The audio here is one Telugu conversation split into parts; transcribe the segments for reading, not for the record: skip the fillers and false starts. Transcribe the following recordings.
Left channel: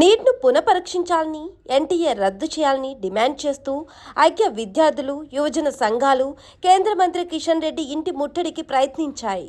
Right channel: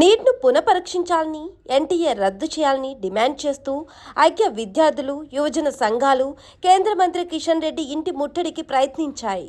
నీట్ను పునఃపరీక్షించాలని, ఎన్టీఏ రద్దు చేయాలని డిమాండ్ చేస్తూ ఐక్య విద్యార్థులు, యువజన సంఘాలు కేంద్ర మంత్రి కిషన్ రెడ్డి ఇంటి ముట్టడికి ప్రయత్నించాయి.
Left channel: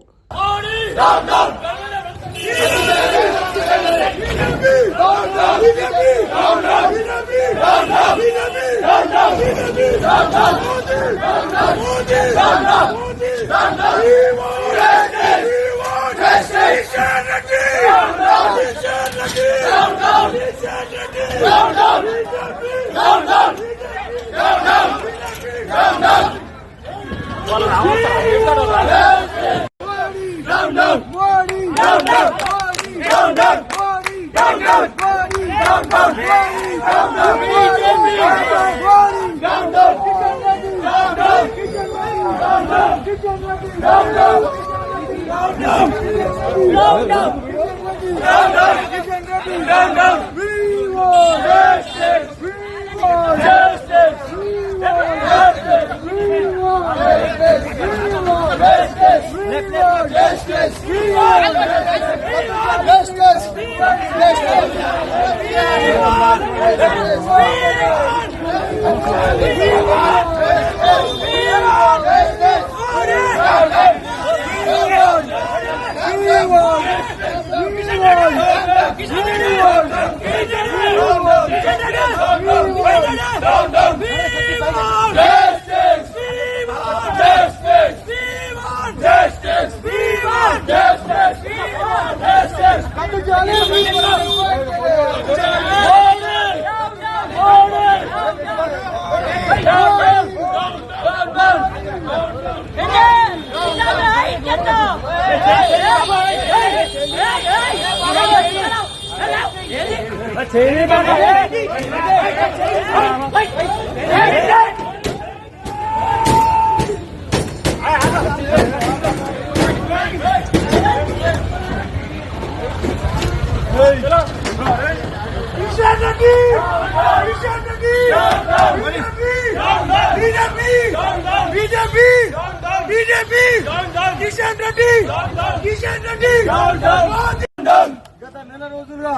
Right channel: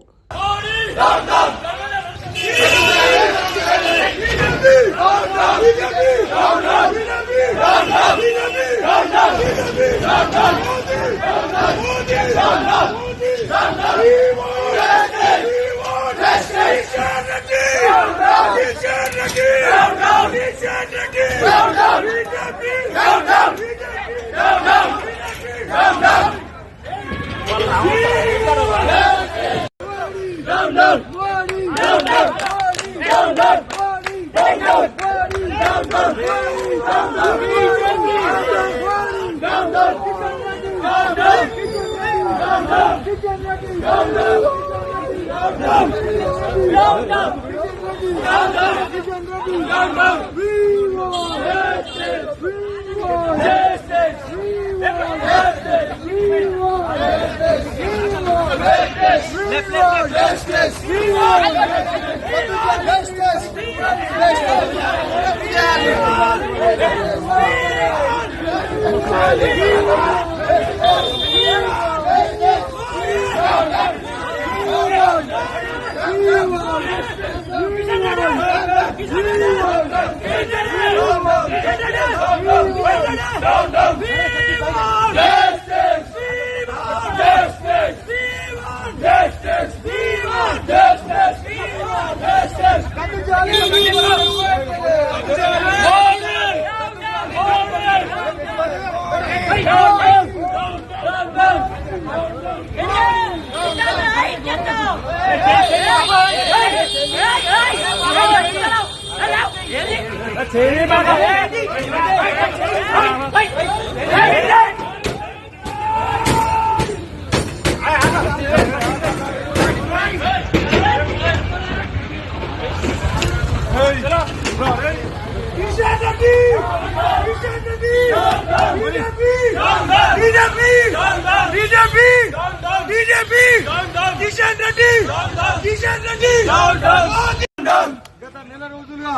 గత నెల రోజులుగా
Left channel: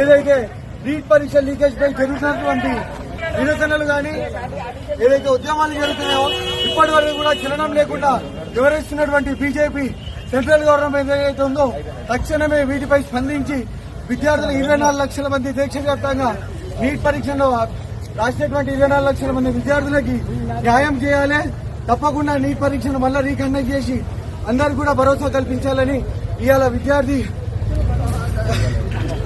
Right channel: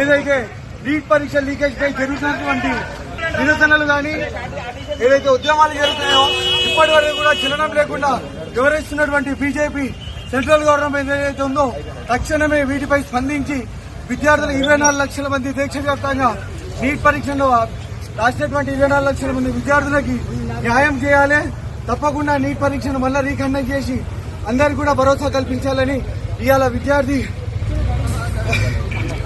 ఏదైతే నీట్ పరీక్ష లీకేజ్ పై జరుగుతున్నటువంటి నిరసనలు కానీ ఏదైతే ఉద్యమాలు జరుగుతున్నాయో ఇప్పటి వరకు కూడా చలనం లేకుండా వివరిస్తున్నటువంటి బీజేపీ సెంట్రల్ గవర్నమెంట్ ఏదైతే ఉందో తక్షణమే వీటిపై స్పందించి విద్యార్థులు 24 లక్షల మంది దేశవ్యాప్తంగా నీట్ పరీక్షల్లో రాసినటువంటి 24 లక్షల మంది విద్యార్థులకి న్యాయం చేయాలి. తప్పకుండా నీట్ పరీక్షను మళ్ళీ రీకండక్ట్ చేసి అందరికీ కూడా భరోసా కల్పించాలని ఇవాళ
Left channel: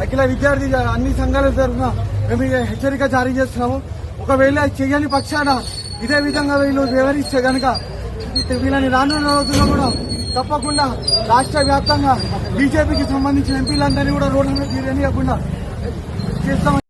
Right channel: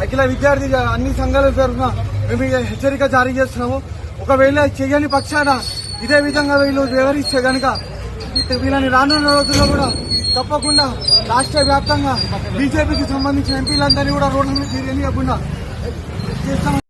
అఖిల విద్యార్థి అన్ని సంఘాల తరఫున మేము హెచ్చరిక జారీ చేస్తున్నాము. ఒకవేళ చేయని పక్షాన ఇదే విధంగా వీళ్ళు వివరిస్తే కనుక వీళ్ళని రానున్న రోజుల్లో కూడా తప్పకుండా రాష్ట్ర వ్యాప్తంగా బీజేపీకి సంబంధించిన ఎంపీలందరినీ కూడా రోడ్ల మీద తీరనివ్వకుండా చేస్తామని